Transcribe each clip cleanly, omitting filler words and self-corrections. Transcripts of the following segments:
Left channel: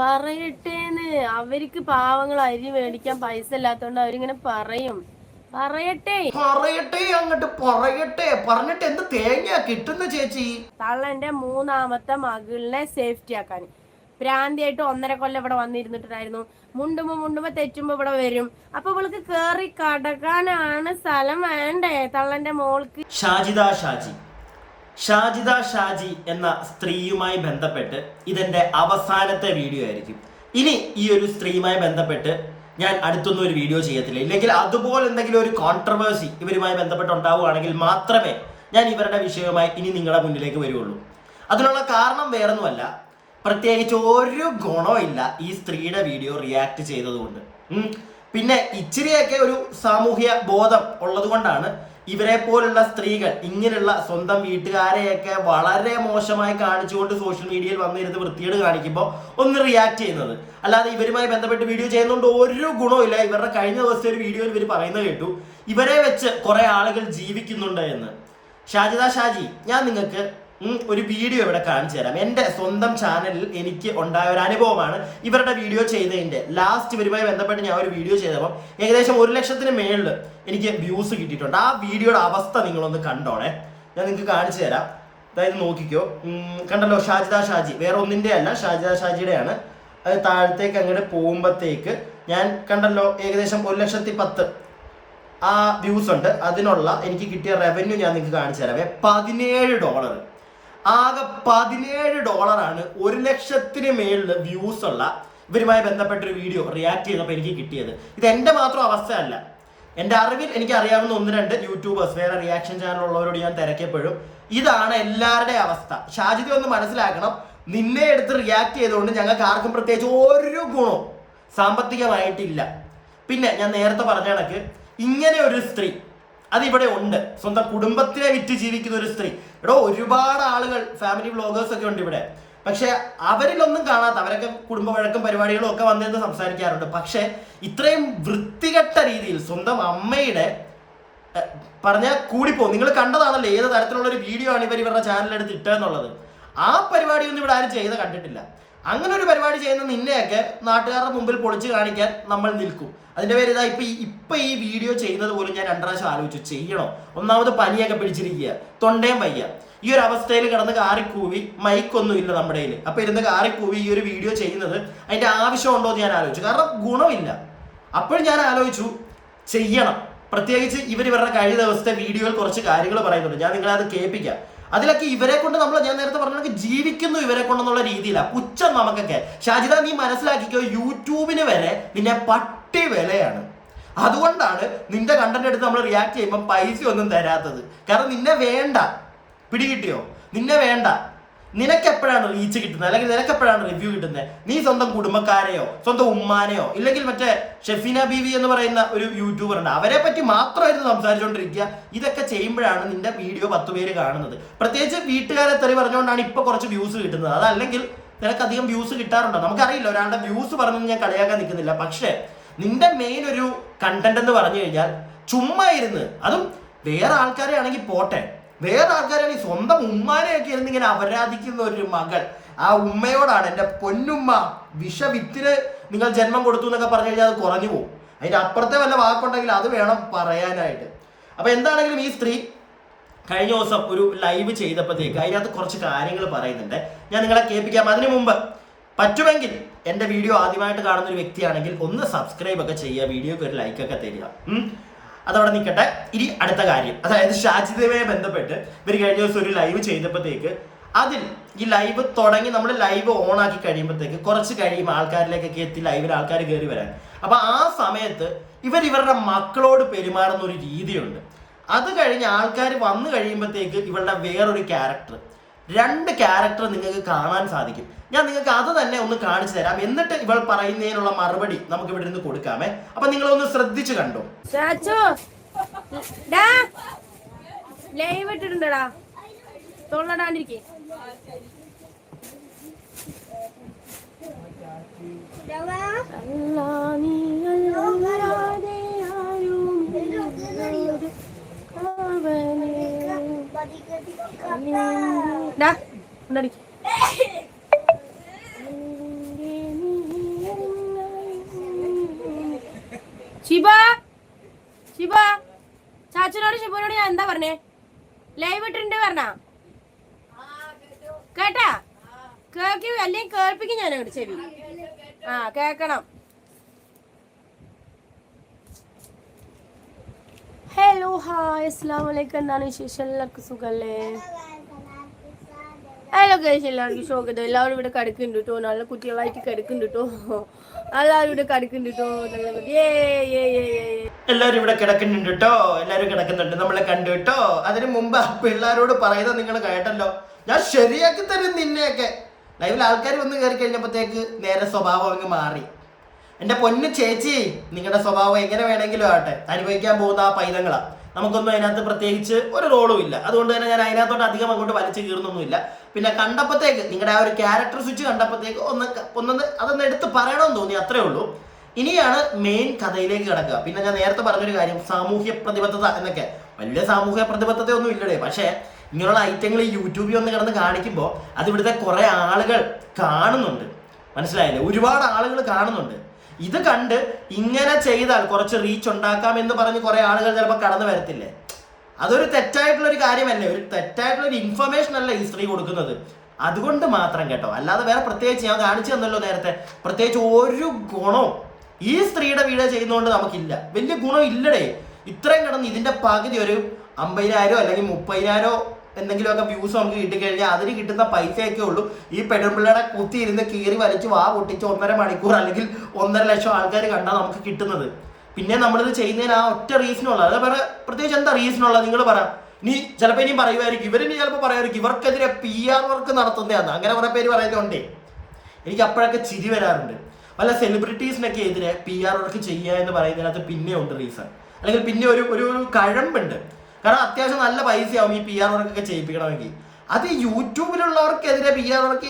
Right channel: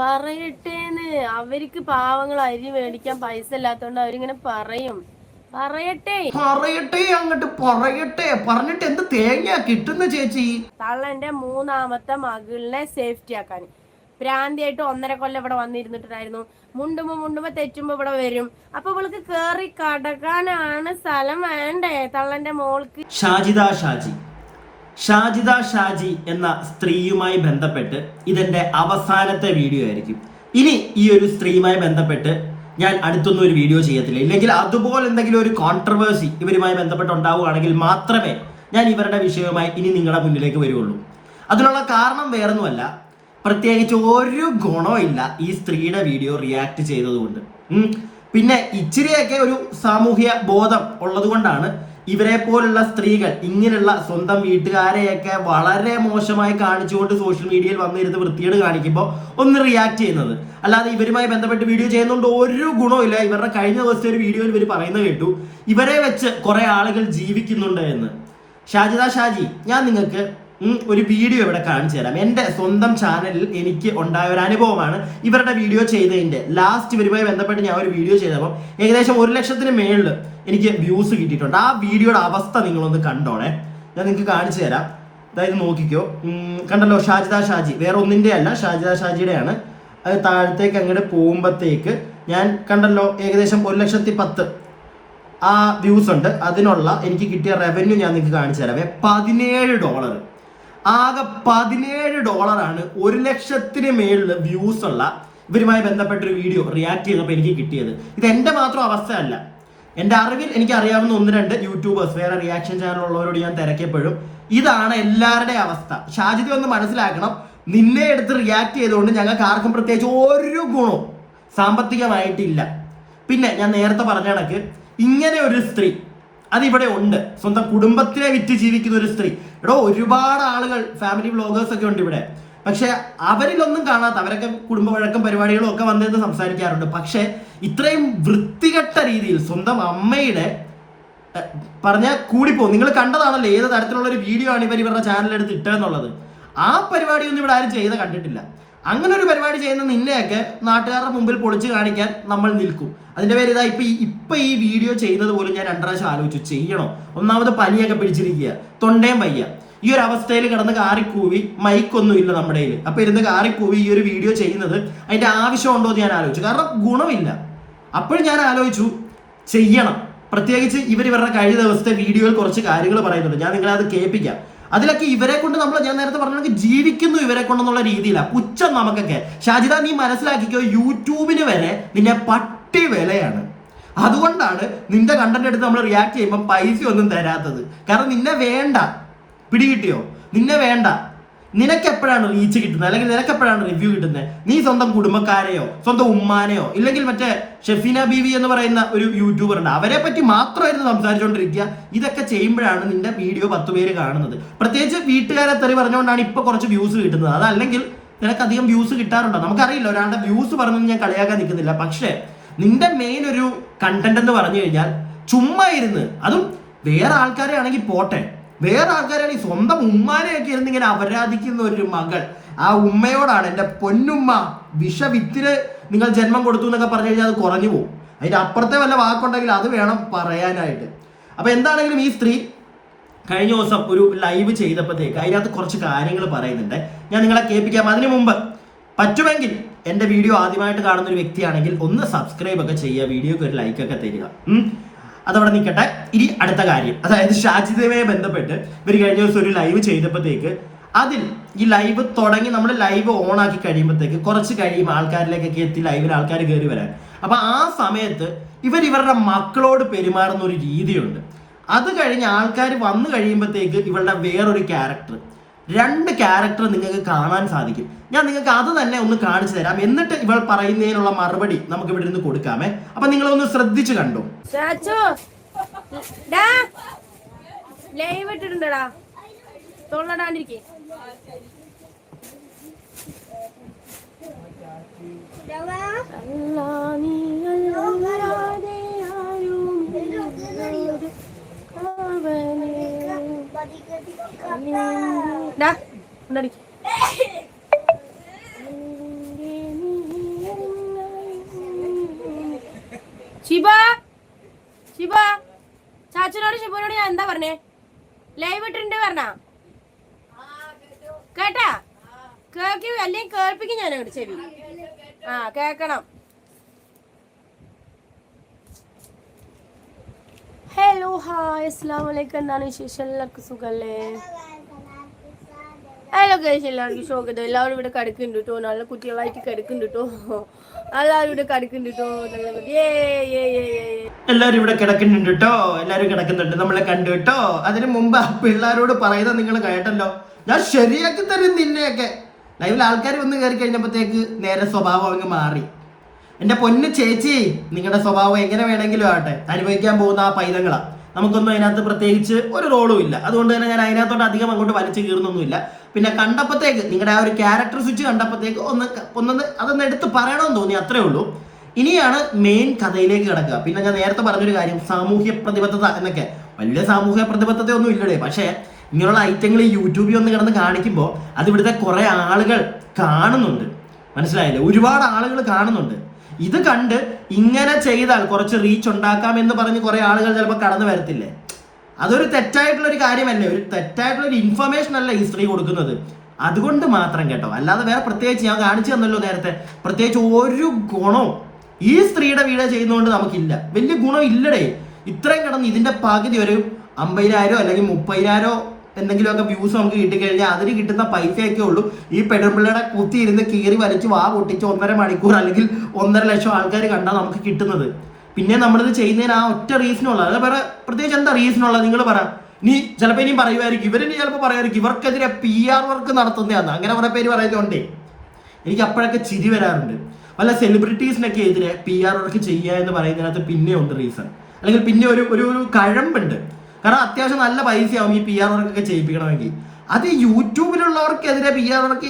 പറയട്ടേന്ന്. അവർക്ക് പാവങ്ങൾ അരി മേടിക്കാൻ പൈസ ഇല്ലാത്തോണ്ട് അവരിങ്ങനെ പറയും. പറയട്ടെ അങ്ങോട്ട് പറയട്ടെ. പറഞ്ഞിട്ട് എന്ത് തേങ്ങ കിട്ടുന്ന ചേച്ചി? തള്ളന്റെ മൂന്നാമത്തെ മകളിനെ സേഫ്റ്റി ആക്കാൻ പ്രാന്തിയായിട്ട് 1.5 കൊല്ലം ഇവിടെ വന്നിരുന്നിട്ടുണ്ടായിരുന്നു. മുണ്ടുമ്പോ തെറ്റുമ്പോ ഇവിടെ വരും. അപ്പൊ ഇവൾക്ക് കേറി കടക്കാനാണ് സ്ഥലം വേണ്ടേ തള്ളന്റെ മോൾക്ക്. ഷാജിദ ഷാജി എന്ന സ്ത്രീയുമായി ബന്ധപ്പെട്ട് ഇതെന്റെ അവസാനത്തെ വീഡിയോ ആയിരിക്കും. ഇനി ഈ ഒരു സ്ത്രീയുമായി ബന്ധപ്പെട്ട് ഞാൻ അടുത്തൊന്നും ഒരു വീഡിയോ ചെയ്യത്തില്ല. ഇല്ലെങ്കിൽ അതുപോലെ എന്തെങ്കിലും ഒരു കോൺട്രവേഴ്സി ഇവരുമായി ബന്ധപ്പെട്ട് ഉണ്ടാവുകയാണെങ്കിൽ മാത്രമേ ഞാൻ ഇവരുടെ വിഷയവുമായി ഇനി നിങ്ങളുടെ മുന്നിലേക്ക് വരുള്ളൂ. അതിനുള്ള കാരണം വേറൊന്നുമല്ല, പ്രത്യേകിച്ച് ഒരു ഗുണമില്ല ഈ സ്ത്രീയുടെ വീഡിയോ റിയാക്ട് ചെയ്തതുകൊണ്ട്. പിന്നെ ഇച്ചിരിയൊക്കെ ഒരു സാമൂഹ്യ ബോധം ഉള്ളത് കൊണ്ടാണ് ഇവരെ പോലുള്ള സ്ത്രീകൾ ഇങ്ങനെയുള്ള സ്വന്തം വീട്ടുകാരെയൊക്കെ വളരെ മോശമായി കാണിച്ചുകൊണ്ട് സോഷ്യൽ മീഡിയയിൽ വന്നിരുന്ന് വൃത്തിയോട് കാണിക്കുമ്പോൾ ഒന്ന് റിയാക്ട് ചെയ്യുന്നത്. അല്ലാതെ ഇവരുമായി ബന്ധപ്പെട്ട് വീഡിയോ ചെയ്യുന്നതുകൊണ്ട് ഒരു ഗുണമില്ല. ഇവരുടെ കഴിഞ്ഞ ദിവസത്തെ ഒരു വീഡിയോയിൽ ഇവർ പറയുന്നത് കേട്ടു, ഇവരെ വെച്ച് കുറെ ആളുകൾ ജീവിക്കുന്നുണ്ട് എന്ന്. ഷാജിദ ഷാജി, ഞാൻ നിങ്ങൾക്ക് ഒരു വീഡിയോ ഇവിടെ കാണിച്ചു തരാം. എൻ്റെ സ്വന്തം ചാനലിൽ എനിക്ക് ഉണ്ടായ ഒരു അനുഭവമാണ് ഇവരുടെ വീഡിയോ ചെയ്തതിൻ്റെ. ലാസ്റ്റ് ഇവരുമായി ബന്ധപ്പെട്ട് ഞാൻ ഒരു വീഡിയോ ചെയ്തപ്പോൾ ഏകദേശം 1 ലക്ഷത്തിന് മേളിൽ എനിക്ക് വ്യൂസ് കിട്ടിയിട്ടുണ്ട്. ആ വീഡിയോയുടെ അവസ്ഥ നിങ്ങളൊന്ന് കണ്ടോണേ. ഞാൻ നിങ്ങൾക്ക് കാണിച്ചു തരാം. അതായത് നോക്കിക്കോ, കണ്ടല്ലോ, ഷാജിദ ഷാജി, വേറെ ഒന്നിൻ്റെ അല്ല, ഷാജിദ ഷാജിയുടെയാണ്. അത് താഴത്തേക്ക് അങ്ങോട്ട് പോകുമ്പോഴത്തേക്ക് ഞാൻ കണ്ടല്ലോ ഏകദേശം 1,10,000 ആ വ്യൂസ് ഉണ്ട്. അതിനുള്ള എനിക്ക് കിട്ടിയ റവന്യൂ ഞാൻ നിങ്ങൾക്ക് കാണിച്ചു തരാവേ. $17, ആകെ $17 1 ലക്ഷത്തിന് മേളിൽ വ്യൂസ് ഉള്ള ഇവരുമായി ബന്ധപ്പെട്ടൊരു വീഡിയോ റിയാക്ട് ചെയ്തപ്പോൾ എനിക്ക് കിട്ടിയത്. ഇത് എൻ്റെ മാത്രം അവസ്ഥയല്ല. എൻ്റെ അറിവിൽ എനിക്ക് അറിയാവുന്ന 1-2 യൂട്യൂബേഴ്സ്, വേറെ റിയാക്ഷൻ ചാനലുള്ളവരോട് ഞാൻ തിരക്കിയപ്പോഴും ഇതാണ് എല്ലാവരുടെയും അവസ്ഥ. ഷാജിദ ഒന്ന് മനസ്സിലാക്കണം, നിന്നെ എടുത്ത് റിയാക്ട് ചെയ്തുകൊണ്ട് ഞങ്ങൾക്ക് ആർക്കും പ്രത്യേകിച്ച് ഒരു ഗുണവും സാമ്പത്തികമായിട്ടില്ല. പിന്നെ ഞാൻ നേരത്തെ പറഞ്ഞ കണക്ക് ഇങ്ങനെ ഒരു സ്ത്രീ അതിവിടെ ഉണ്ട്, സ്വന്തം കുടുംബത്തിനെ വിറ്റ് ജീവിക്കുന്ന ഒരു സ്ത്രീ. ഒരുപാട് ആളുകൾ, ഫാമിലി വ്ളോഗേഴ്സ് ഒക്കെ ഉണ്ട് ഇവിടെ. പക്ഷെ അവരിലൊന്നും കാണാത്ത, അവരൊക്കെ കുടുംബ വഴക്കം പരിപാടികളും ഒക്കെ വന്നിരുന്ന് സംസാരിക്കാറുണ്ട്. പക്ഷെ ഇത്രയും വൃത്തികെട്ട രീതിയിൽ സ്വന്തം അമ്മയുടെ പറഞ്ഞാൽ കൂടിപ്പോ, നിങ്ങൾ കണ്ടതാണല്ലോ ഏത് തരത്തിലുള്ള ഒരു വീഡിയോ ആണ് ഇവരുടെ ചാനലെടുത്ത് ഇട്ടെന്നുള്ളത്. ആ പരിപാടിയൊന്നും ഇവിടെ ആരും ചെയ്ത് കണ്ടിട്ടില്ല. അങ്ങനെ ഒരു പരിപാടി ചെയ്യുന്ന നിന്നെയൊക്കെ നാട്ടുകാരുടെ മുമ്പിൽ പൊളിച്ച് കാണിക്കാൻ നമ്മൾ നിൽക്കും. അതിന്റെ പേര് ഇതാ ഇപ്പൊ ഈ വീഡിയോ ചെയ്യുന്നത് പോലും ഞാൻ 2 പ്രാവശ്യം ആലോചിച്ചു, ചെയ്യണോ? ഒന്നാമത് പനിയൊക്കെ പിടിച്ചിരിക്കുക, തൊണ്ടയും വയ്യ. ഈ ഒരു അവസ്ഥയിൽ കിടന്ന് കാറിക്കൂവി, മൈക്കൊന്നും ഇല്ല നമ്മുടെ കയ്യിൽ. അപ്പൊ ഇരുന്ന് കാറിക്കൂവി ഈ ഒരു വീഡിയോ ചെയ്യുന്നത് അതിന്റെ ആവശ്യമുണ്ടോ എന്ന് ഞാൻ ആലോചിച്ചു. കാരണം ഗുണമില്ല. അപ്പോഴും ഞാൻ ആലോചിച്ചു ചെയ്യണം. പ്രത്യേകിച്ച് ഇവരുടെ കഴിഞ്ഞ ദിവസത്തെ വീഡിയോയിൽ കുറച്ച് കാര്യങ്ങൾ പറയുന്നുണ്ട്, ഞാൻ നിങ്ങളെ അത് കേൾപ്പിക്കാം. അതിലൊക്കെ ഇവരെ കൊണ്ട് ഞാൻ നേരത്തെ പറഞ്ഞ ജീവിക്കുന്നു ഇവരെ കൊണ്ടെന്നുള്ള രീതിയിലാണ് പുച്ഛം നമുക്കൊക്കെ. ഷാജിദ, നീ മനസ്സിലാക്കിക്കോ, യൂട്യൂബിന് വരെ നിന്നെ പട്ടി വിലയാണ്. അതുകൊണ്ടാണ് നിന്റെ കണ്ടന്റ് എടുത്ത് നമ്മൾ റിയാക്ട് ചെയ്യുമ്പോൾ പൈസ ഒന്നും തരാത്തത്. കാരണം നിന്നെ വേണ്ട, പിടികിട്ടിയോ? നിന്നെ വേണ്ട. നിനക്ക് എപ്പോഴാണ് റീച്ച് കിട്ടുന്നത്, അല്ലെങ്കിൽ നിനക്ക് എപ്പോഴാണ് റിവ്യൂ കിട്ടുന്നത്? നീ സ്വന്തം കുടുംബക്കാരെയോ സ്വന്തം ഉമ്മാനെയോ ഇല്ലെങ്കിൽ മറ്റേ ഷെഫീന ബീവി എന്ന് പറയുന്ന ഒരു യൂട്യൂബർ ഉണ്ട്, അവരെ പറ്റി മാത്രമായിരുന്നു സംസാരിച്ചുകൊണ്ടിരിക്കുക. ഇതൊക്കെ ചെയ്യുമ്പോഴാണ് നിന്റെ വീഡിയോ 10 പേര് കാണുന്നത്. പ്രത്യേകിച്ച് വീട്ടുകാരെ തെറി പറഞ്ഞുകൊണ്ടാണ് ഇപ്പൊ കുറച്ച് വ്യൂസ് കിട്ടുന്നത്. അതല്ലെങ്കിൽ നിനക്ക് അധികം വ്യൂസ് കിട്ടാറുണ്ടോ നമുക്കറിയില്ല. ഒരാളുടെ വ്യൂസ് പറഞ്ഞൊന്നും ഞാൻ കളിയാക്കാൻ നിൽക്കുന്നില്ല. പക്ഷേ നിന്റെ മെയിൻ ഒരു കണ്ടന്റ് എന്ന് പറഞ്ഞു കഴിഞ്ഞാൽ ചുമ്മാ ഇരുന്ന്, അതും വേറെ ആൾക്കാരെ ആണെങ്കിൽ പോട്ടെ, വേറെ ആൾക്കാരാണെങ്കിൽ സ്വന്തം ഉമ്മാനെയൊക്കെ ഇരുന്ന് ഇങ്ങനെ അപരാധിക്കുന്ന ഒരു മകൾ. ആ ഉമ്മയോടാണ്, എൻ്റെ പൊന്നുമ്മ വിഷവിത്തിന് നിങ്ങൾ ജന്മം കൊടുത്തു എന്നൊക്കെ പറഞ്ഞു കഴിഞ്ഞാൽ അത് കുറഞ്ഞു പോകും. അതിൻ്റെ അപ്പുറത്തെ വല്ല വാക്കുണ്ടെങ്കിൽ അത് വേണം പറയാനായിട്ട്. അപ്പൊ എന്താണെങ്കിലും ഈ സ്ത്രീ കഴിഞ്ഞ ദിവസം ഒരു ലൈവ് ചെയ്തപ്പോഴത്തേക്ക് അതിനകത്ത് കുറച്ച് കാര്യങ്ങൾ പറയുന്നുണ്ട്, ഞാൻ നിങ്ങളെ കേൾപ്പിക്കാം. അതിനു മുമ്പ് പറ്റുമെങ്കിൽ എൻ്റെ വീഡിയോ ആദ്യമായിട്ട് കാണുന്ന ഒരു വ്യക്തിയാണെങ്കിൽ ഒന്ന് സബ്സ്ക്രൈബ് ഒക്കെ ചെയ്യുക, വീഡിയോക്ക് ഒരു ലൈക്ക് ഒക്കെ തരിക. അതവിടെ നിൽക്കട്ടെ. ഇനി അടുത്ത കാര്യം, അതായത് ഷാജിദയുമായി ബന്ധപ്പെട്ട് ഇവർ കഴിഞ്ഞ ദിവസം ഒരു ലൈവ് ചെയ്തപ്പോഴത്തേക്ക് അതിൽ ഈ ലൈവ് തുടങ്ങി നമ്മൾ ലൈവ് ഓൺ ആക്കി കഴിയുമ്പോഴത്തേക്ക് കുറച്ച് കഴിയുമ്പോൾ ആൾക്കാരിലേക്കൊക്കെ എത്തി ലൈവിൽ ആൾക്കാർ കയറി വരാൻ. അപ്പൊ ആ സമയത്ത് ഇവരുടെ മക്കളോട് പെരുമാറുന്ന ഒരു രീതിയുണ്ട്. അത് കഴിഞ്ഞ് ആൾക്കാർ വന്നു കഴിയുമ്പോഴത്തേക്ക് ഇവളുടെ വേറൊരു ക്യാരക്ടർ, 2 ക്യാരക്ടർ നിങ്ങൾക്ക് കാണാൻ സാധിക്കും. ഞാൻ നിങ്ങൾക്ക് അത് തന്നെ ഒന്ന് കാണിച്ചു തരാം. എന്നിട്ട് ഇവൾ പറയുന്നതിനുള്ള മറുപടി നമുക്ക് ഇവിടെ നിന്ന് കൊടുക്കാമേ. അപ്പൊ നിങ്ങളൊന്ന് ശ്രദ്ധിച്ചു കണ്ടോ. ലൈവ് ഇട്ടിട്ടുണ്ടടാ, തൊള്ളടാണ്ടിരിക്കേ. ഷിബ ഷിബ ചാച്ചനോട് ഷിബുനോട് ഞാൻ എന്താ പറഞ്ഞേ? ലൈവ് ഇട്ടിട്ടുണ്ട് പറഞ്ഞ കേട്ടാ? കേക്ക് അല്ലെങ്കിൽ കേൾപ്പിക്കും ഞാൻ അങ്ങോട്ട് ശരി. കേക്കണം. ഹലോ ഹായ് അസ്സലാമു അലൈക്കും. എന്താണ് വിശേഷം? എല്ലാവർക്കും സുഖല്ലേ? ഹലോ ഗൈസ്, എല്ലാവർക്കും സ്വാഗതം. എല്ലാവരും ഇവിടെ കിടക്കുന്നുണ്ട് കേട്ടോ, നല്ല കുട്ടികളായിട്ട് കിടക്കുന്നുണ്ട് കേട്ടോ, എല്ലാവരും ഇവിടെ കിടക്കുന്നുണ്ട് കേട്ടോ. എല്ലാവരും ഇവിടെ കിടക്കുന്നുണ്ട് കേട്ടോ, എല്ലാവരും കിടക്കുന്നുണ്ട്. നമ്മളെ കണ്ടു കേട്ടോ. അതിന് മുമ്പ് ആ പിള്ളേരോട് പറയുന്നത് നിങ്ങൾ കേട്ടല്ലോ, ഞാൻ ശരിയാക്കി തരും നിന്നെയൊക്കെ. ലൈവിൽ ആൾക്കാർ വന്ന് കയറി കഴിഞ്ഞപ്പോഴത്തേക്ക് നേരെ സ്വഭാവം അങ്ങ് മാറി. എൻ്റെ പൊന്നു ചേച്ചി, നിങ്ങളുടെ സ്വഭാവം എങ്ങനെ വേണമെങ്കിലും ആവട്ടെ, അനുഭവിക്കാൻ പോകുന്ന ആ പൈതങ്ങളാ. നമുക്കൊന്നും അതിനകത്ത് പ്രത്യേകിച്ച് ഒരു റോളും ഇല്ല. അതുകൊണ്ട് തന്നെ ഞാൻ അതിനകത്തോട്ട് അധികം അങ്ങോട്ട് വലിച്ചു കീറുന്നൊന്നുമില്ല. പിന്നെ കണ്ടപ്പോഴത്തേക്ക് നിങ്ങളുടെ ആ ഒരു ക്യാരക്ടർ സ്വിച്ച് കണ്ടപ്പോഴത്തേക്ക് അതൊന്ന് എടുത്ത് പറയണമെന്ന് തോന്നി, അത്രേ ഉള്ളൂ. ഇനിയാണ് മെയിൻ കഥയിലേക്ക് കിടക്കുക. പിന്നെ ഞാൻ നേരത്തെ പറഞ്ഞൊരു കാര്യം, സാമൂഹ്യ പ്രതിബദ്ധത എന്നൊക്കെ. വലിയ സാമൂഹ്യ പ്രതിബദ്ധത ഒന്നും ഇല്ലടേ, പക്ഷേ ഇങ്ങനെയുള്ള ഐറ്റങ്ങൾ ഈ യൂട്യൂബിൽ ഒന്ന് കിടന്ന് കാണിക്കുമ്പോൾ അത് ഇവിടുത്തെ കുറെ ആളുകൾ കാണുന്നുണ്ട്. മനസ്സിലായില്ലേ? ഒരുപാട് ആളുകൾ കാണുന്നുണ്ട്. ഇത് കണ്ട് ഇങ്ങനെ ചെയ്താൽ കുറച്ച് റീച്ച് ഉണ്ടാക്കാം എന്ന് പറഞ്ഞ് കുറെ ആളുകൾ ചിലപ്പോൾ കടന്നു വരത്തില്ലേ? അതൊരു തെറ്റായിട്ടുള്ള ഒരു കാര്യമല്ലേ, ഒരു തെറ്റായിട്ടുള്ള ഒരു ഇൻഫർമേഷൻ അല്ല ഈ സ്ത്രീ കൊടുക്കുന്നത്. അതുകൊണ്ട് മാത്രം കേട്ടോ, അല്ലാതെ വേറെ പ്രത്യേകിച്ച് ഞാൻ കാണിച്ചു തന്നല്ലോ നേരത്തെ, പ്രത്യേകിച്ച് ഒരു ഗുണവും ഈ സ്ത്രീയുടെ വീഡിയോ ചെയ്യുന്നതുകൊണ്ട് നമുക്കില്ല. വലിയ ഗുണം ഇല്ലടേ. ഇത്രയും കിടന്ന് ഇതിന്റെ പകുതി ഒരു 50,000 അല്ലെങ്കിൽ 30,000 എന്തെങ്കിലുമൊക്കെ വ്യൂസ് നമുക്ക് കിട്ടിക്കഴിഞ്ഞാൽ അതിന് കിട്ടുന്ന പൈസയൊക്കെ ഉള്ളൂ ഈ പെടുമ്പിള്ളയുടെ കുത്തി ഇരുന്ന് കീറി വലിച്ച് വാ പൊട്ടിച്ച് 1.5 മണിക്കൂർ അല്ലെങ്കിൽ 1.5 ലക്ഷം ആൾക്കാർ കണ്ടാൽ നമുക്ക് കിട്ടുന്നത്. പിന്നെ നമ്മളിത് ചെയ്യുന്നതിന് ആ ഒറ്റ റീസണുള്ളത്. അത് വേറെ പ്രത്യേകിച്ച് എന്താ റീസണുള്ളത് നിങ്ങൾ പറ. നീ ചിലപ്പോൾ ഇനിയും പറയുമായിരിക്കും, ഇവരിനി ചിലപ്പോൾ പറയുമായിരിക്കും ഇവർക്കെതിരെ PR വർക്ക് നടത്തുന്നതാന്ന്. അങ്ങനെ കുറെ പേര് പറയുന്നതുകൊണ്ടേ എനിക്ക് അപ്പോഴൊക്കെ ചിരി വരാറുണ്ട്. വല്ല സെലിബ്രിറ്റീസിനൊക്കെ എതിരെ PR വർക്ക് ചെയ്യുക എന്ന് പറയുന്നതിനകത്ത് പിന്നെ ഉണ്ട് റീസൺ, അല്ലെങ്കിൽ പിന്നെ ഒരു കഴമ്പുണ്ട്. കാരണം അത്യാവശ്യം നല്ല പൈസയാവും ഈ PR വർക്കൊക്കെ ചെയ്യിപ്പിക്കണമെങ്കിൽ. അത് യൂട്യൂബിലുള്ളവർക്കെതിരെ PR വർക്ക്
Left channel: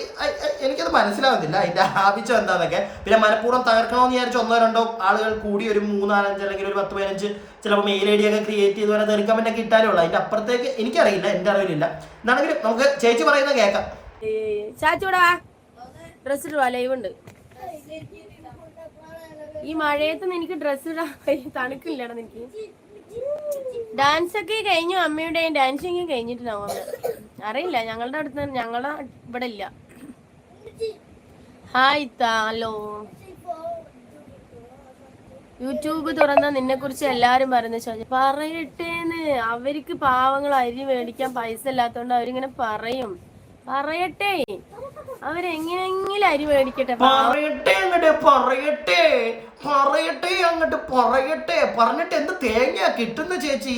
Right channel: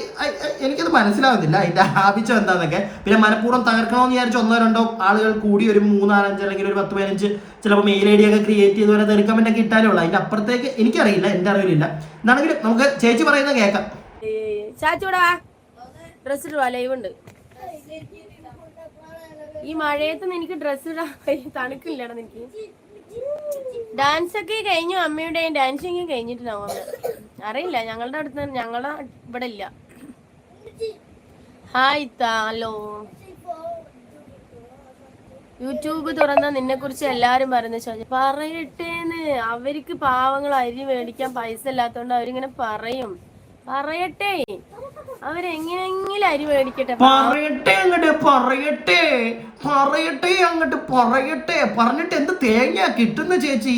എനിക്കത് മനസ്സിലാവുന്നില്ല അതിന്റെ ആവശ്യം എന്താന്നൊക്കെ. പിന്നെ മനഃപൂർവ്വം തകർക്കണമെന്ന് വിചാരിച്ച് 1-2 ആളുകൾ കൂടി ഒരു 3-4-5 അല്ലെങ്കിൽ ഒരു 10-15 ചിലപ്പോൾ മെയിൽ ID ഒക്കെ ക്രിയേറ്റ് ചെയ്ത് പോലെ തെറിക്കമെന്റ് ഒക്കെ ഇട്ടാലേ ഉള്ളൂ. അതിന്റെ അപ്പുറത്തേക്ക് എനിക്കറിയില്ല, എന്റെ അറിവിലില്ല. എന്നാണെങ്കിലും നമുക്ക് ചേച്ചി പറയുന്നത് കേൾക്കാം. ചാച്ചൂടാ ഡ്രസ് ഇടുവാ, ലൈവ് ഉണ്ട്. ഈ മഴയത്ത് എനിക്ക് ഡ്രസ് ഇടാൻ തണുക്കില്ലടാ. എനിക്ക് ഡാൻസ് ഒക്കെ കഴിഞ്ഞു, അമ്മയുടെയും ഡാൻസിങ് കഴിഞ്ഞിട്ടുണ്ടാവും. അറിയില്ല, ഞങ്ങളുടെ അടുത്ത് ഞങ്ങളുടെ ഇവിടെ ഇല്ല. Hi hello. യൂട്യൂബ് തുറന്ന നിന്നെ കുറിച്ച് എല്ലാരും പറയുന്ന ചോദിച്ചു പറയട്ടേന്ന്. അവർക്ക് പാവങ്ങൾ അരി മേടിക്കാൻ പൈസ ഇല്ലാത്തോണ്ട് അവരിങ്ങനെ പറയും. പറയട്ടെ, അവരെങ്ങനെങ്കിലും അരി മേടിക്കട്ടെ. പറഞ്ഞിട്ട് എന്ത് തേങ്ങ കിട്ടുന്ന ചേച്ചി?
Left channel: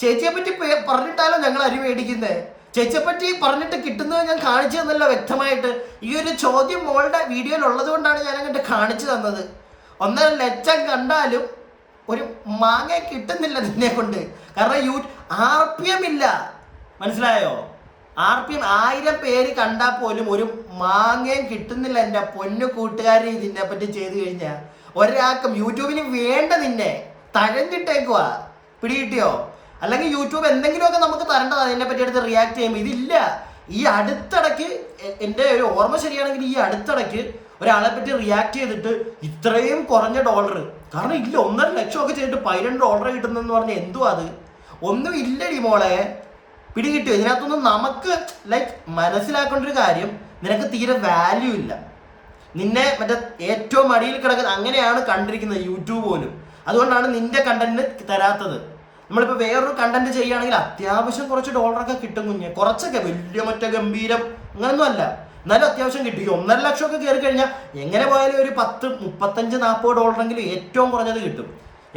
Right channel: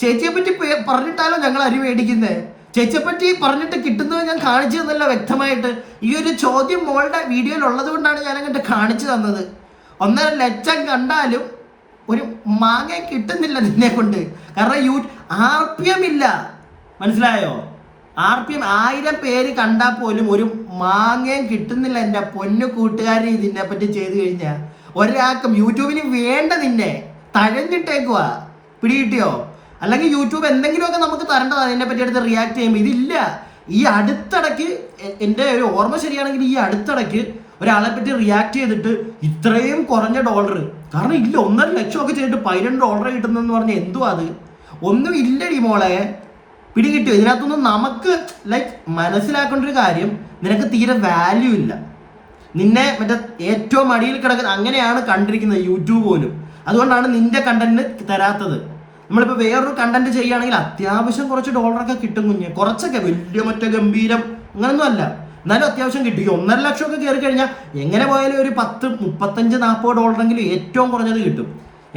ചേച്ചിയെ പറ്റി പറഞ്ഞിട്ടാലോ ഞങ്ങൾ അരി മേടിക്കുന്നേ? ചേച്ചിയെ പറ്റി പറഞ്ഞിട്ട് കിട്ടുന്നത് ഞാൻ കാണിച്ചു തന്നല്ല വ്യക്തമായിട്ട്. ഈ ഒരു ചോദ്യം മോളുടെ വീഡിയോയിൽ ഉള്ളത് കൊണ്ടാണ് ഞാൻ അങ്ങോട്ട് കാണിച്ചു തന്നത്. 1.5 ലക്ഷം കണ്ടാലും ഒരു മാങ്ങ കിട്ടുന്നില്ല നിന്നെ കൊണ്ട്. കാരണം RPM ഇല്ല, മനസ്സിലായോ? RPM 1000 പേര് കണ്ടാൽ പോലും ഒരു മാങ്ങയും കിട്ടുന്നില്ല. എൻ്റെ പൊന്നു കൂട്ടുകാരി, ഇതിനെ പറ്റി ചെയ്തു കഴിഞ്ഞാൽ ഒരാൾക്കും യൂട്യൂബിന് വേണ്ട, നിന്നെ തഴഞ്ഞിട്ടേക്കുവാ. പിടികിട്ടിയോ? അല്ലെങ്കിൽ യൂട്യൂബ് എന്തെങ്കിലുമൊക്കെ നമുക്ക് തരേണ്ടതാണ് അതിനെ പറ്റി എടുത്ത് റിയാക്ട് ചെയ്യുമ്പോൾ. ഇതില്ല. ഈ അടുത്തിടയ്ക്ക് എൻ്റെ ഒരു ഓർമ്മ ശരിയാണെങ്കിൽ ഈ അടുത്തിടയ്ക്ക് ഒരാളെ പറ്റി റിയാക്ട് ചെയ്തിട്ട് ഇത്രയും കുറഞ്ഞ ഡോളർ, കാരണം ഇല്ല 1.5 ലക്ഷം ഒക്കെ ചെയ്തിട്ട് $12 കിട്ടുന്നെന്ന് പറഞ്ഞാൽ എന്തുവാ അത്? ഒന്നും ഇല്ലടി മോളെ. പിടികിട്ടിയോ? ഇതിനകത്തൊന്നും നമുക്ക് മനസ്സിലാക്കേണ്ട ഒരു കാര്യം, നിനക്ക് തീരെ വാല്യൂ ഇല്ല. നിന്നെ മറ്റേ ഏറ്റവും അടിയിൽ കിടക്കുന്ന അങ്ങനെയാണ് കണ്ടിരിക്കുന്നത് യൂട്യൂബ് പോലും. അതുകൊണ്ടാണ് നിന്റെ കണ്ടന്റിന് തരാത്തത്. നമ്മളിപ്പോൾ വേറൊരു കണ്ടന്റ് ചെയ്യുകയാണെങ്കിൽ അത്യാവശ്യം കുറച്ച് ഡോളറൊക്കെ കിട്ടും കുഞ്ഞ്, കുറച്ചൊക്കെ, വലിയ മറ്റേ ഗംഭീരം അങ്ങനൊന്നും അല്ല, എന്നാലും അത്യാവശ്യം കിട്ടും. ഈ 1.5 ലക്ഷം ഒക്കെ കയറി കഴിഞ്ഞാൽ എങ്ങനെ പോയാലും ഒരു 10, 35, 40 ഡോളറെങ്കിലും ഏറ്റവും കുറഞ്ഞത് കിട്ടും,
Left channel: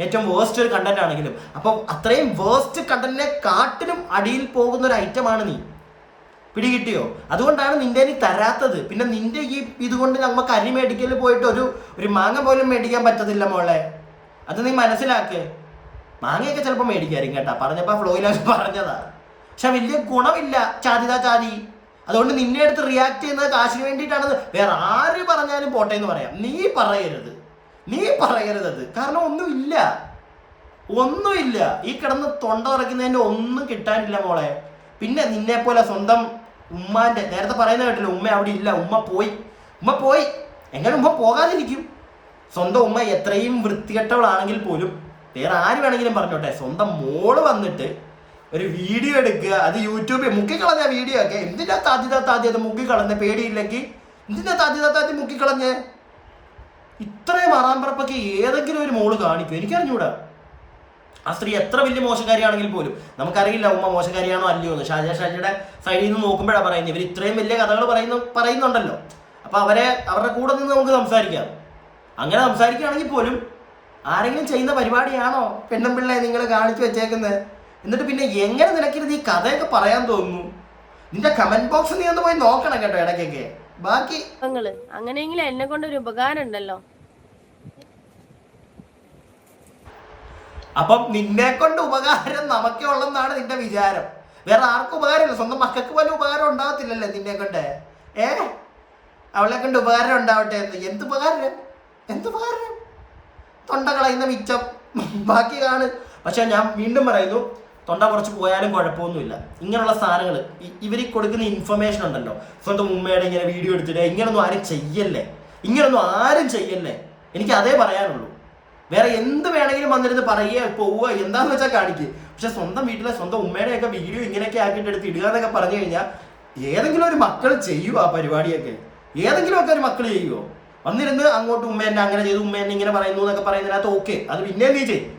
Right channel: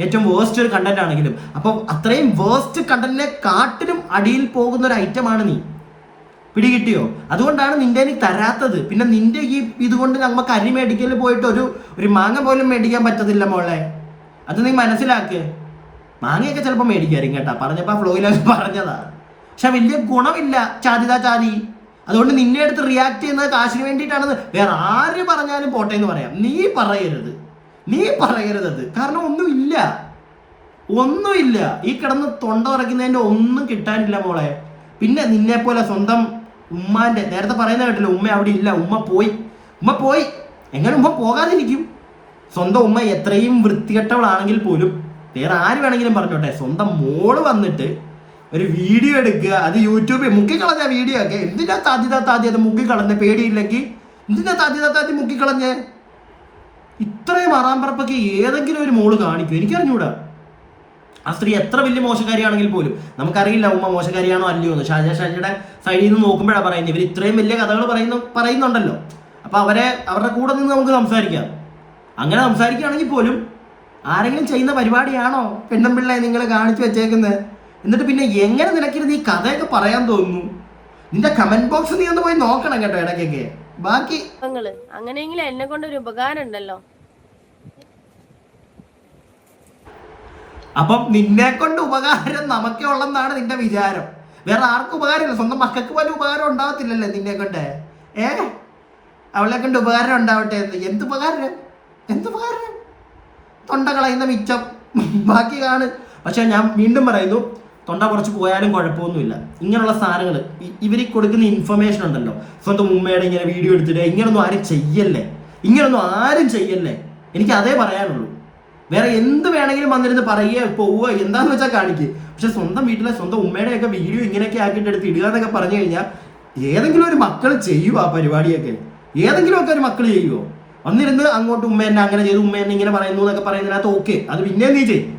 ഏറ്റവും വേസ്റ്റ് ഒരു കണ്ടന്റ് ആണെങ്കിലും. അപ്പം അത്രയും വേസ്റ്റ് കണ്ടന്റിനെ കാട്ടിലും അടിയിൽ പോകുന്ന ഒരു ഐറ്റമാണ് നീ. പിടികിട്ടിയോ? അതുകൊണ്ടാണ് നിന്റെ തരാത്തത്. പിന്നെ നിന്റെ ഈ ഇതുകൊണ്ട് നമുക്ക് അരി മേടിക്കൽ പോയിട്ട് ഒരു മാങ്ങ പോലും മേടിക്കാൻ പറ്റത്തില്ല മോളെ. അത് നീ മനസ്സിലാക്ക്. മാങ്ങയൊക്കെ ചിലപ്പോൾ മേടിക്കായിരിക്കും കേട്ടാ, പറഞ്ഞപ്പോൾ ഫ്ലോയിലൊക്കെ പറഞ്ഞതാ. പക്ഷെ വലിയ ഗുണമില്ല, ചാതി. അതുകൊണ്ട് നിന്നെ അടുത്ത് റിയാക്ട് ചെയ്യുന്നത് കാശിന് വേണ്ടിയിട്ടാണെന്ന് വേറെ ആര് പറഞ്ഞാലും പോട്ടെ എന്ന് പറയാം. നീ പറയരുത് അത്. കാരണം ഒന്നുമില്ല. ഈ കിടന്ന് തൊണ്ട ഉറയ്ക്കുന്നതിൻ്റെ ഒന്നും കിട്ടാനില്ല മോളെ. പിന്നെ നിന്നെ പോലെ സ്വന്തം ഉമ്മാന്റെ, നേരത്തെ പറയുന്ന കേട്ടില്ല, ഉമ്മ അവിടെ ഇല്ല, ഉമ്മ പോയി. എങ്ങനെ ഉമ്മ പോകാതിരിക്കും? സ്വന്തം ഉമ്മ എത്രയും വൃത്തികെട്ടവളാണെങ്കിൽ പോലും വേറെ ആര് വേണമെങ്കിലും പറഞ്ഞോട്ടെ, സ്വന്തം മോള് വന്നിട്ട് ഒരു വീഡിയോ എടുക്കുക, അത് യൂട്യൂബിൽ മുക്കിക്കളഞ്ഞ വീഡിയോ ഒക്കെ. എന്തിനാ താദ്യത മുക്കിക്കളഞ്ഞ? പേടിയില്ലെങ്കിൽ എന്തിനാ താദ്യത മുക്കിക്കളഞ്ഞ്? ഇത്രയും ആറാമ്പറപ്പൊക്കെ ഏതെങ്കിലും ഒരു മോള് കാണിക്കും? എനിക്കറിഞ്ഞൂടാ. ആ സ്ത്രീ എത്ര വലിയ മോശക്കാരിയാണെങ്കിൽ പോലും നമുക്കറിയില്ല ഉമ്മ മോശക്കാരിയാണോ അല്ലയോ എന്ന്. ഷാജിയുടെ സൈഡിൽ നിന്ന് നോക്കുമ്പോഴാണ് പറയുന്നത്. ഇവർ ഇത്രയും വലിയ കഥകൾ പറയുന്നുണ്ടല്ലോ. അപ്പൊ അവരുടെ കൂടെ നിന്ന് നമുക്ക് സംസാരിക്കാം. അങ്ങനെ സംസാരിക്കുകയാണെങ്കിൽ പോലും ആരെങ്കിലും ചെയ്യുന്ന പരിപാടിയാണോ പെണ്ണുമ്പിള്ളയെ നിങ്ങൾ കാണിച്ചു വെച്ചേക്കുന്നത്? എന്നിട്ട് പിന്നെ എങ്ങനെ നിനക്കിരുന്ന് ഈ കഥയൊക്കെ പറയാൻ തോന്നുന്നു? നിന്റെ കമന്റ് ബോക്സ് നീ ഒന്ന് പോയി നോക്കണം കേട്ടോ ഇടയ്ക്കൊക്കെ. ബാക്കി അങ്ങനെയെങ്കിലും എന്നെ കൊണ്ടൊരു ഉപകാരം ഉണ്ടല്ലോ. അപ്പം നിന്നെ കൊണ്ട് ഉപകാരം നമുക്കേ ഉള്ളെന്നാണ് നിന്റെ വിചാരം. വേറെ ആർക്കും ഉപകാരമില്ല. സ്വന്തം മക്കൾക്ക് പോലും ഉപകാരം ഉണ്ടാവത്തില്ലല്ലേ നിന്നെ കൊണ്ട്. അവളെ കൊണ്ട് ഉപകാരം ഉണ്ടാവട്ടെ എന്ന്. എന്തുപകാരം? തൊണ്ട കളയുന്ന മിച്ചം ബാക്കി കാണും. പക്ഷെ ഞാൻ വീണ്ടും പറയുന്നു, തൊണ്ട കുറച്ച് പോയാലും കുഴപ്പമൊന്നുമില്ല. ഇങ്ങനെയുള്ള സാധനങ്ങൾ ഇവർ കൊടുക്കുന്ന ഇൻഫർമേഷൻ ഉണ്ടല്ലോ, സ്വന്തം ഉമ്മയുടെ ഇങ്ങനെ വീഡിയോ എടുത്തിട്ട് ഇങ്ങനൊന്നും ആരും ചെയ്യല്ലേ. എനിക്ക് അതേ പറയാനുള്ളൂ. വേറെ എന്ത് വേണമെങ്കിലും വന്നിരുന്ന് പറയുക, പോവുക, എന്താന്ന് വെച്ചാൽ കാണിക്കുക. പക്ഷെ സ്വന്തം വീട്ടിലെ സ്വന്തം ഉമ്മയുടെയൊക്കെ വീഡിയോ ഇങ്ങനെയൊക്കെ ആക്കിയിട്ട് എടുത്ത് ഇടുക എന്നൊക്കെ പറഞ്ഞു കഴിഞ്ഞാൽ ഏതെങ്കിലും ഒരു മക്കൾ ചെയ്യുമോ ആ പരിപാടിയൊക്കെ? ഏതെങ്കിലുമൊക്കെ ഒരു മക്കൾ ചെയ്യുമോ? വന്നിരുന്ന് അങ്ങോട്ട് ഉമ്മ എന്നെ അങ്ങനെ ചെയ്തു, ഉമ്മ എന്നെ ഇങ്ങനെ പറയുന്നു എന്നൊക്കെ പറയുന്നതിനകത്ത് ഓക്കെ, അത് പിന്നെ നീ ചെയ്യും.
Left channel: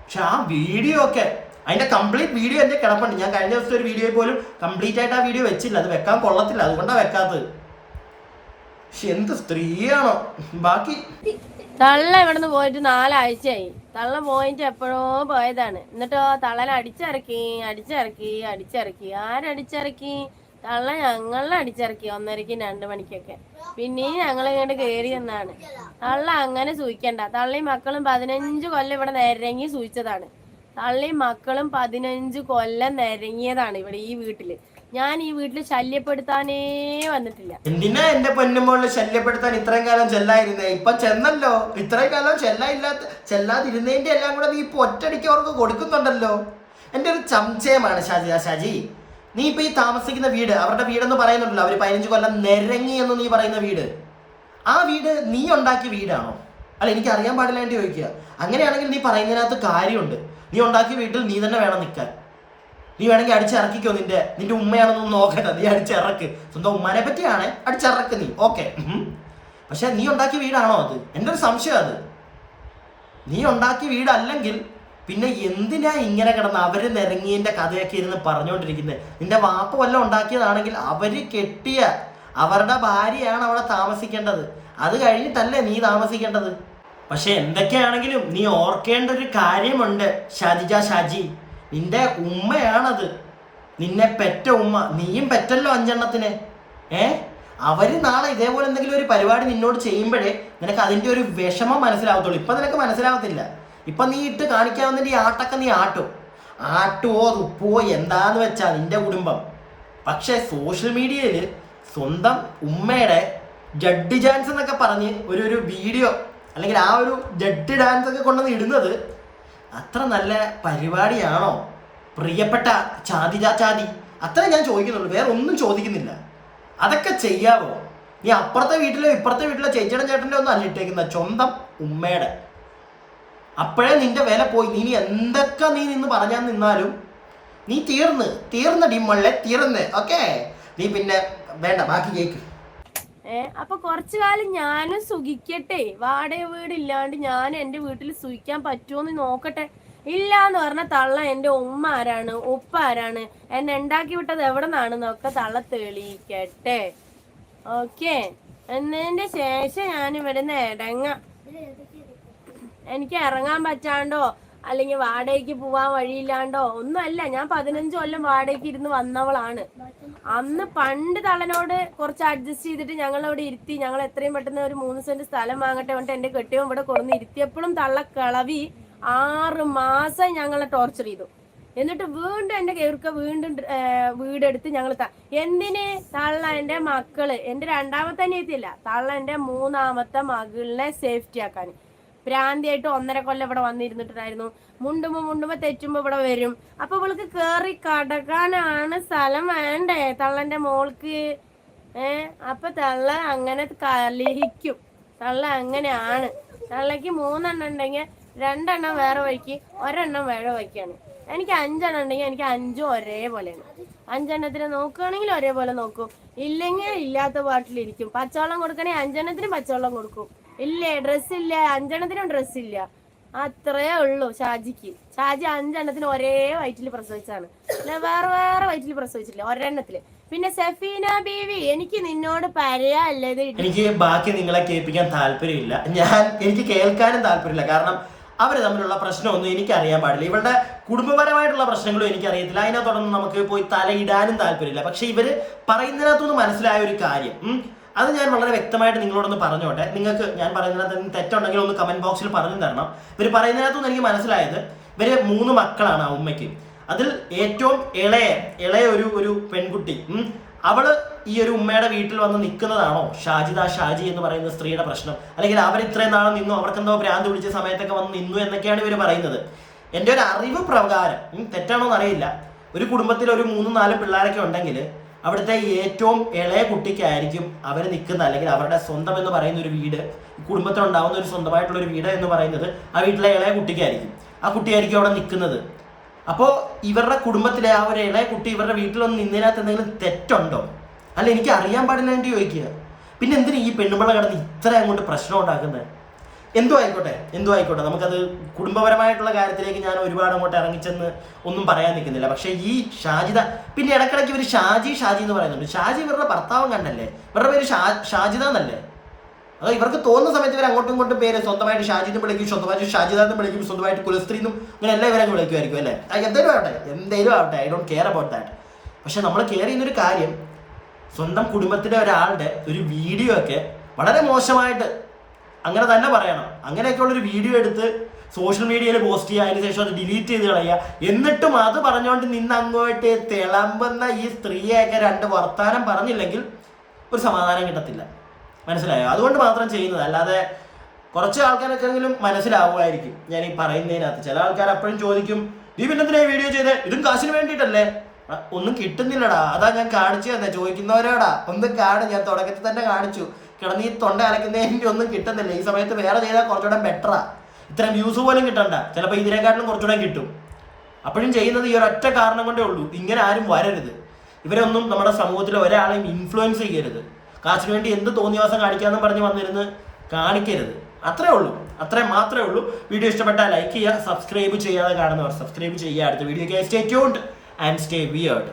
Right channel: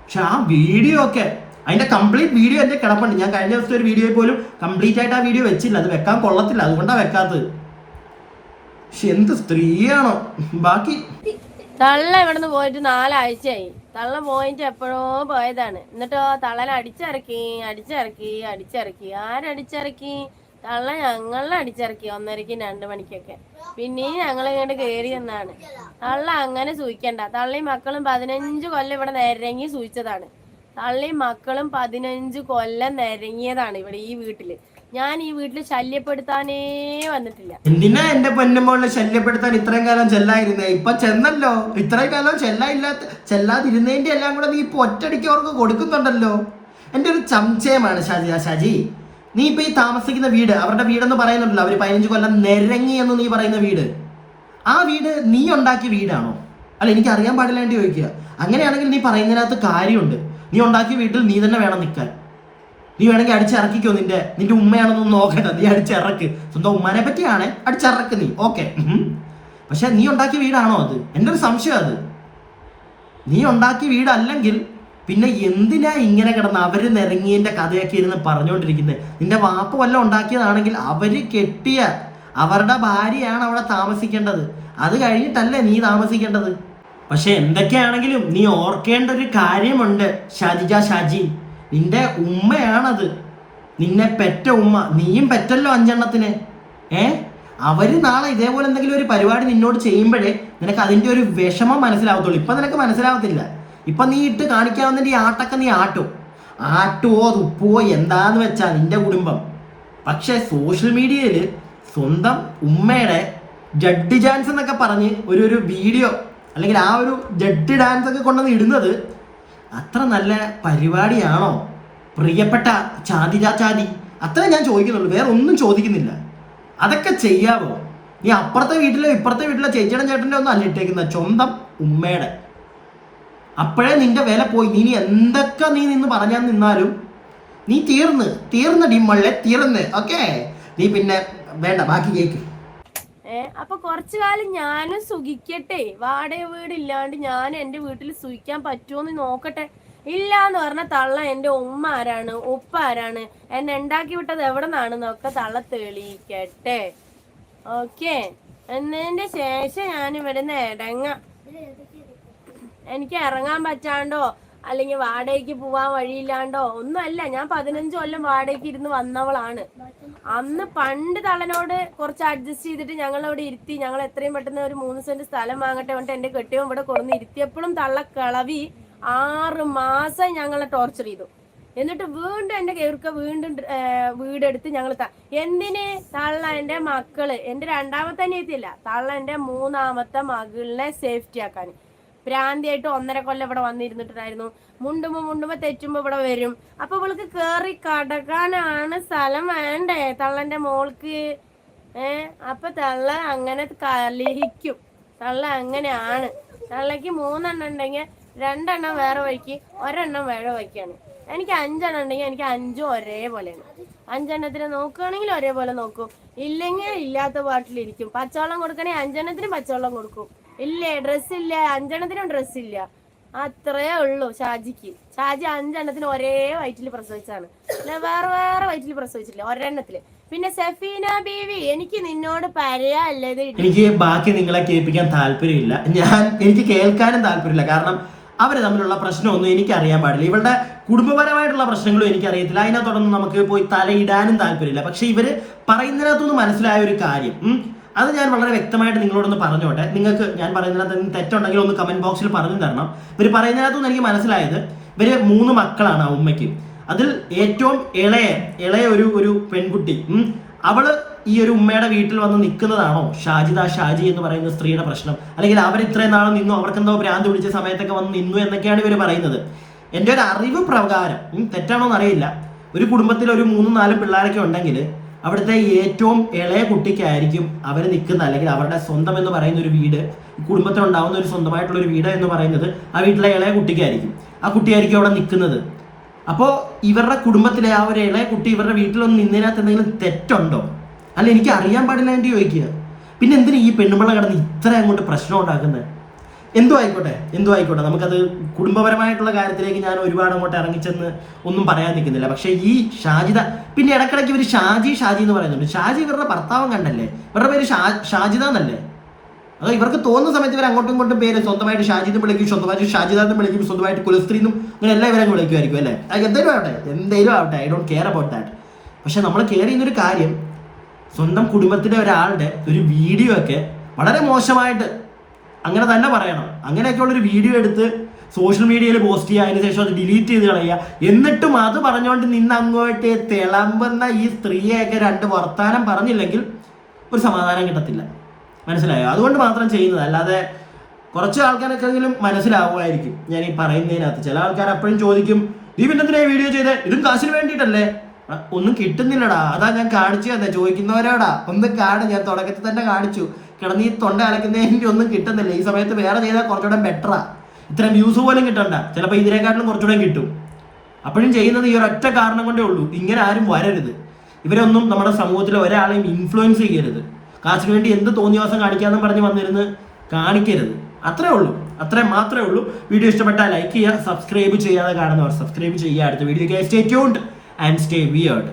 പക്ഷെ ആ വീഡിയോ ഒക്കെ, അതിന്റെ കംപ്ലീറ്റ് വീഡിയോ എന്റെ കിടപ്പുണ്ട്. ഞാൻ കഴിഞ്ഞ ദിവസത്തെ ഒരു വീഡിയോ പോലും കംപ്ലീറ്റ് ആയിട്ട് ആ വീഡിയോ വെച്ചില്ല. അത് വെക്കാൻ കൊള്ളത്തില്ല, അതുകൊണ്ടാണ് വെക്കാത്തത്. പക്ഷെ എന്ത് സ്ത്രീയാണോ. ബാക്കി തള്ള ഇവിടുന്ന് പോയിട്ട് 4 ആഴ്ചയായി. തള്ള പോയിട്ട് എപ്പോഴോ പോയതാണ്. എന്നിട്ടോ തള്ളനെ അടിച്ചിറക്കി. ആരടിച്ചിറക്കി? തള്ള ഞങ്ങളെ അടിച്ചിറക്കി 1:30ക്കും 2 മണിക്കൊക്കെ. പിന്നെയും ഞങ്ങളിങ്ങോട്ട് കയറി എന്നാണ്. തള്ള അങ്ങനെ സൂയിക്കണ്ട. തള്ളയും മക്കളും 15 കൊല്ലം ഇവിടെ നിരങ്ങി സൂയിച്ചതാണ്. തള്ളയും മക്കളും 15 കൊല്ലം നിരങ്ങിയതാണ് ഇവിടെ ഈ വീട്ടില്. ഞാൻ ഈ വീട്ടിൽ ശല്യപ്പെടുത്താനേ വന്നിട്ടില്ല. എന്തിനാ എന്റെ പൊന്നുമോളെ ശല്യപ്പെടുത്താൻ ഇത്രയും കാലം ചെല്ലായിരുന്നേ? ഇപ്പൊ ചെന്നല്ലോ. ഇത്രയും കാലം ചെല്ലാതിരുന്നതിന്റെ എല്ലാം കൂടെ നീ ഇപ്പൊ ഒറ്റടിക്ക് അവർക്ക് കൊടുക്കുന്നുണ്ടല്ലോ. എന്റെ ഒരു സംശയമാണ് ഷാജി, നീ ഇപ്പൊ ഈ താമസിക്കുന്ന വീട്, അവരുടെ വീടെന്ന് പറയുന്നുണ്ടല്ലോ, അവര് 15 കൊല്ലം നിരങ്ങി എന്ന് നീ പറയുന്ന വീട്, ആ വീട് നീ ഉണ്ടാക്കിയ വീടാണോ? അല്ല, എനിക്ക് അറിയാൻ പാടില്ല വേണ്ടി ചോദിക്കുക. അങ്ങനെയാണെങ്കിൽ നീ പറയുന്നതിനകത്ത് കാര്യമുണ്ട്. നീ ഉണ്ടാക്കിയ വീട്ടിൽ നീ തന്നെ വേണം നിൽക്കാൻ. നീ വേണമെങ്കിൽ അടിച്ചിറക്കിക്കോ. നിന്റെ ഉമ്മയാണെന്നൊന്നും നോക്കണ്ട, നീ അടിച്ചിറക്ക്. സ്വന്തം ഉമ്മാനെ പറ്റിയാണ് അടിച്ചിറക്ക് നീ, ഓക്കെ. പക്ഷെ നീ ഉണ്ടാക്കിയ വീടാണോ അത്? എൻ്റെ ഒരു സംശയം അത്. നീ ഉണ്ടാക്കിയ വീടല്ലെങ്കിൽ പിന്നെ എന്തിനാ ഇങ്ങനെ കിടന്ന് അവര് നിറങ്ങിയതിന്റെ കഥയൊക്കെ ഇരുന്ന് പറഞ്ഞുകൊണ്ടിരിക്കുന്നത്? നിന്റെ വാപ്പ വല്ലതും ഉണ്ടാക്കിയതാണെങ്കിൽ അവര് കെട്ടിയ അവരുടെ ഭാര്യയാണ് അവിടെ താമസിക്കേണ്ടത്. അത് കഴിഞ്ഞിട്ടല്ലേ നീ താമസിക്കേണ്ടത്. പക്ഷെ എന്തൊക്കെയാണെങ്കിലും നീ ഓർക്കേണ്ട ഒരു കാര്യമുണ്ട് ഷാജി, നിന്റെ ഉമ്മയാണത്, നിന്നെ പെറ്റ ഉമ്മ. നീയും പെറ്റല്ലോ 5 എണ്ണത്തിന്. അവര് നാളെ ഇതേപോലെ എന്തെങ്കിലും ഒരു പരിപാടി നിന്നോട് ചെയ്യുമ്പോഴേ നിനക്ക് അതിന്റെ ഒരു വിഷമം മനസ്സിലാവത്തുള്ളൂ. ഇപ്പൊ നിനക്ക് മനസ്സിലാവത്തില്ല. ഇപ്പൊ നീ ഇട്ട് കാണിക്കാവുന്നതിന്റെ ഈ ആട്ടൊക്കെ നീ ആട്ടുവോ തുപ്പുവോ എന്താന്ന് വെച്ചാ നിന്റെ കുടുംബം. പക്ഷെ സോഷ്യൽ മീഡിയയിൽ സ്വന്തം ഉമ്മയുടെ ജഡ് ഡാൻസ് എന്നൊക്കെ പറഞ്ഞ് ഒരു വീഡിയോ അല്ലെങ്കിൽ ആ ഒരു ജഡ് ഡാൻസ് ഒക്കെ കൊണ്ടുവന്ന് ഇടുന്നത് അത്ര നല്ല പരിപാടിയാണോ പ്രിയപ്പെട്ട ചാതി? അത്ര ഞാൻ ചോദിക്കുന്നുള്ളൂ, വേറെ ഒന്നും ചോദിക്കുന്നില്ല. അതൊക്കെ ചെയ്യാവോ? നീ അപ്പുറത്തെ വീട്ടിലെ ഇപ്പുറത്തെ വീട്ടിലെ ചേട്ടൻ്റെ ഒന്നും അല്ല ഇട്ടേക്കുന്നത്, സ്വന്തം ഉമ്മയുടെ. അപ്പോഴേ നിന്റെ വില പോയി. നീ എന്തൊക്കെ നീ നിന്ന് പറഞ്ഞാൽ നിന്നാലും നീ തീർന്ന് ഡിമ്മള്ളെ തീർന്ന്. ഓക്കെ, നീ പിന്നെ വേണ്ട, ബാക്കി കേക്ക്. അപ്പൊ കുറച്ചു കാലം ഞാനും സുഖിക്കട്ടെ. വാടക വീടില്ലാണ്ട് ഞാൻ എന്റെ വീട്ടിൽ സുഖിക്കാൻ പറ്റുമോന്ന് നോക്കട്ടെ. ഇല്ലാന്ന് പറഞ്ഞ തള്ള എന്റെ ഉമ്മ ആരാണ്, ഉപ്പ ആരാണ്, എന്നെ ഉണ്ടാക്കി വിട്ടത് എവിടെ നിന്നാണെന്നൊക്കെ തള്ള തെളിയിക്കട്ടെ. ഓക്കെ, എന്നതിന്റെ ശേഷം ഞാൻ ഇവിടുന്ന് എനിക്ക് ഇറങ്ങാൻ പറ്റാണ്ടോ അല്ലെങ്കിൽ വാടകയ്ക്ക് പോവാൻ വഴിയില്ലാണ്ടോ ഒന്നുമല്ല. ഞാൻ 15 കൊല്ലം വാടകയ്ക്ക് ഇരുന്ന് വന്നവളാണ്. അന്ന് പണ്ട് തള്ളനോട് കുറച്ച് അഡ്ജസ്റ്റ് ചെയ്തിട്ട് ഞങ്ങളവിടെ ഇരുത്തി. ഞങ്ങൾ എത്രയും പെട്ടെന്ന് ഒരു 3 സെന്റ് സ്ഥലം വാങ്ങട്ടെ പറഞ്ഞിട്ട് എന്റെ കെട്ടിയവൻ ഇവിടെ കുറഞ്ഞ് ഇരുത്തിയപ്പോഴും തള്ള കളവി 6 മാസം ഞങ്ങളെ ടോർച്ചർ ചെയ്തു. എന്നിട്ട് വീണ്ടും എന്റെ കേൾക്ക വീണ്ടും വീടെടുത്ത് ഞങ്ങൾ എന്തിന്? തള്ള എന്റെ മക്കള്, എന്റെ 2ാമത്തെ അനിയത്തില്ല, തള്ള എന്റെ 3ാമത്തെ മകളിനെ സേഫ്റ്റി ആക്കാൻ പ്രാന്തിയായിട്ട് 1.5 കൊല്ലം ഇവിടെ വന്നിരുന്നിട്ടുണ്ടായിരുന്നു. മുണ്ടുമ്പോ തെറ്റുമ്പോ ഇവിടെ വരും. അപ്പൊ ഇവൾക്ക് കേറി കടക്കാനാണ് സ്ഥലം വേണ്ടേ തള്ളന്റെ മോൾക്ക്? അപ്പൊ തള്ള അങ്ങനെ കലഹിക്കും. തള്ള അങ്ങനെയാണ്. തള്ളക്ക് 3 എണ്ണം ഉണ്ടെങ്കിൽ 2 എണ്ണം വേറെ വഴിക്ക്, 1 എണ്ണം വേറെ വഴിക്കാണ്. എനിക്ക് 5 എണ്ണം ഉണ്ടെങ്കിൽ എനിക്ക് 5 ഒരേപോലെയാണ്. 5 എണ്ണത്തിന് നോക്കുകയാണെങ്കിൽ ഒരേപോലെ നോക്കും, ഇല്ലെങ്കിൽ ഇല്ലാത്ത പാട്ടിലിരിക്കും. പച്ചവെള്ളം കൊടുക്കണമെങ്കിൽ 5 എണ്ണത്തിനും പച്ചവെള്ളം കൊടുക്കും. ഇല്ലേ ഡ്രസ്സ് ഇല്ല, 5 എണ്ണത്തിനും ഡ്രസ്സ് ഇല്ല. അത്രേ ഉള്ളൂ ഷാജി 5 എണ്ണത്തിന് ഒരേ വയറ്റിൽ പ്രസവിച്ചാണ്, വേറെ വേറെ വയറ്റിൽ പ്രസവിച്ചില്ല, ഒരെണ്ണത്തില്. പിന്നെ സഫീന ബീവി, എനിക്ക് നിന്നോട് പറയാനുള്ളത്, എനിക്ക് ബാക്കി നിങ്ങളെ കേൾപ്പിക്കാൻ താല്പര്യമില്ല, എനിക്ക് കേൾക്കാനും താല്പര്യമില്ല. കാരണം അവര് തമ്മിലുള്ള പ്രശ്നമൊന്നും എനിക്ക് അറിയാൻ പാടില്ല. ഇവരുടെ കുടുംബപരമായിട്ടുള്ള പ്രശ്നങ്ങളും എനിക്കറിയത്തില്ല. അതിനകത്തോടൊന്നും നമുക്ക് പോയി തലയിടാനും താല്പര്യമില്ല. പക്ഷെ ഇവര് പറയുന്നതിനകത്തൊന്നും മനസ്സിലായ ഒരു കാര്യം, അത് ഞാൻ വളരെ വ്യക്തമായിട്ട് നിങ്ങളോടൊന്ന് പറഞ്ഞോട്ടെ. നിങ്ങൾക്ക് ഞാൻ പറയുന്നതിനകത്ത് തെറ്റുണ്ടെങ്കിൽ ഒന്ന് കമന്റ് ബോക്സിൽ പറഞ്ഞു തരണം. ഇവർ പറയുന്നതിനകത്തൊന്നും എനിക്ക് മനസ്സിലായത്, ഇവര് 3 മക്കളാണ് ആ ഉമ്മയ്ക്ക്. അതിൽ ഏറ്റവും ഇളയ ഒരു പെൺകുട്ടി, അവള് ഈ ഒരു ഉമ്മയുടെ വീട്ടിൽ വന്ന് നിൽക്കുന്നതാണോ ഷാജി എന്ന് പറയുന്ന സ്ത്രീയുടെ പ്രശ്നം? അല്ലെങ്കിൽ അവർ ഇത്രയും നാളെ നിന്നു, അവർക്കെന്തോ ഭ്രാന്ത് പിടിച്ച സമയത്തൊക്കെ വന്ന് നിന്നു എന്നൊക്കെയാണ് ഇവർ പറയുന്നത്. എൻ്റെ ഒരു അറിവ് പ്രകാരം, തെറ്റാണോ എന്നറിയില്ല, ഒരു കുടുംബത്തിൽ ഒരു 3-4 പിള്ളേരൊക്കെ ഉണ്ടെങ്കിൽ അവിടുത്തെ ഏറ്റവും ഇളയ കുട്ടിക്കായിരിക്കും അവർ നിൽക്കുന്ന, അല്ലെങ്കിൽ അവരുടെ സ്വന്തം എന്ന് പറയുന്ന ഒരു വീട്, കുടുംബത്തിനുണ്ടാവുന്ന ഒരു സ്വന്തമായിട്ടുള്ള ഒരു വീട് എന്ന് പറയുന്നത് ആ വീട്ടിലെ ഇളയ കുട്ടിക്കായിരിക്കും. ആ കുട്ടിയായിരിക്കും അവിടെ നിൽക്കുന്നത്. അപ്പോൾ ഇവരുടെ കുടുംബത്തിലെ ആ ഒരു ഇളയ കുട്ടി ഇവരുടെ വീട്ടിലൊന്നും നിന്നതിനകത്ത് എന്തെങ്കിലും തെറ്റുണ്ടോ? അല്ല, എനിക്ക് അറിയാൻ പാടില്ല എന്ന് ചോദിക്കുക. പിന്നെ എന്തിനാ ഈ പെണ്ണുമ്പിള്ള കിടന്ന് ഇത്ര അങ്ങോട്ട് പ്രശ്നം ഉണ്ടാക്കുന്നത്? എന്തോ ആയിക്കോട്ടെ, നമുക്കത് കുടുംബപരമായിട്ടുള്ള കാര്യത്തിലേക്ക് ഞാൻ ഒരുപാട് അങ്ങോട്ട് ഇറങ്ങിച്ചെന്ന് ഒന്നും പറയാൻ നിൽക്കുന്നില്ല. പക്ഷേ ഈ ഷാജിദ, പിന്നെ ഇടയ്ക്കിടയ്ക്ക് ഇവർ ഷാജി എന്ന് പറയുന്നുണ്ട്. ഷാജി ഇവരുടെ ഭർത്താവും കണ്ടല്ലേ, ഇവരുടെ പേര് ഷാജിദ എന്നല്ലേ? അതോ ഇവർക്ക് തോന്നുന്ന സമയത്ത് ഇവർ അങ്ങോട്ടും ഇങ്ങോട്ടും പേര് സ്വന്തമായിട്ട് ഷാജി എന്ന് വിളിക്കും, സ്വന്തമായിട്ട് ഷാജിദ എന്ന് വിളിക്കും, സ്വന്തമായിട്ട് കുലസ്ത്രീ എന്നും അങ്ങനെ എല്ലാം ഇവരങ്ങ് വിളിക്കുമായിരിക്കും അല്ലേ? എന്തേലും ആവട്ടെ, I don't care about that. പക്ഷെ നമ്മൾ കെയർ ചെയ്യുന്നൊരു കാര്യം, സ്വന്തം കുടുംബത്തിലെ ഒരാളുടെ ഒരു വീഡിയോ ഒക്കെ വളരെ മോശമായിട്ട്, അങ്ങനെ തന്നെ പറയണം, അങ്ങനെയൊക്കെയുള്ളൊരു വീഡിയോ എടുത്ത് സോഷ്യൽ മീഡിയയിൽ പോസ്റ്റ് ചെയ്യുക, അതിനുശേഷം അത് ഡിലീറ്റ് ചെയ്ത് കളയുക, എന്നിട്ടും അത് പറഞ്ഞുകൊണ്ട് നിന്ന് അങ്ങോട്ട് തിളമ്പുന്ന ഈ സ്ത്രീയെയൊക്കെ 2 വർത്താനം പറഞ്ഞില്ലെങ്കിൽ ഒരു സമാധാനം കിട്ടത്തില്ല. മനസ്സിലായോ? അതുകൊണ്ട് മാത്രം ചെയ്യുന്നത്, അല്ലാതെ കുറച്ച് ആൾക്കാരൊക്കെങ്കിലും മനസ്സിലാവുമായിരിക്കും ഞാൻ ഈ പറയുന്നതിനകത്ത്. ചില ആൾക്കാർ അപ്പോഴും ചോദിക്കും, നീ പിന്നെന്തിനാ ഈ വീഡിയോ ചെയ്തേ, ഇതും കാശിന് വേണ്ടിയിട്ടല്ലേ? ഒന്നും കിട്ടുന്നില്ലടാ, അതാ ഞാൻ കാണിച്ചു തന്നെ. ചോദിക്കുന്നവരോടാ ഒന്ന് ഞാൻ തുടക്കത്തിൽ തന്നെ കാണിച്ചു, കിടന്ന് ഈ തൊണ്ട അലക്കുന്നതിൻ്റെ ഒന്നും കിട്ടുന്നില്ല. ഈ സമയത്ത് വേറെ ചെയ്താൽ കുറച്ചുകൂടെ ബെറ്ററാ, ഇത്രയും വ്യൂസ് പോലും കിട്ടണ്ട, ചിലപ്പോൾ ഇതിനെക്കാട്ടിലും കുറച്ചുകൂടെ കിട്ടും. അപ്പോഴും ചെയ്യുന്നത് ഈ ഒരൊറ്റ കാരണം കൊണ്ടേ ഉള്ളൂ, ഇങ്ങനെ ആരും വരരുത്. ഇവരൊന്നും നമ്മുടെ സമൂഹത്തിലെ ഒരാളെയും ഇൻഫ്ലുവൻസ് ചെയ്യരുത്. കാശിന് വേണ്ടി എന്ത് തോന്നിയവാസം കാണിക്കാമെന്ന് പറഞ്ഞ് വന്നിരുന്ന് കാണിക്കരുത്. അത്രയും മാത്രമേ ഉള്ളൂ. വീഡിയോ ഇഷ്ടപ്പെട്ടാൽ ലൈക്ക് ചെയ്യുക, സബ്സ്ക്രൈബ് ചെയ്യാതെ കാണുന്നവർ സബ്സ്ക്രൈബ് ചെയ്യുക. അടുത്ത video stay tuned and stay weird.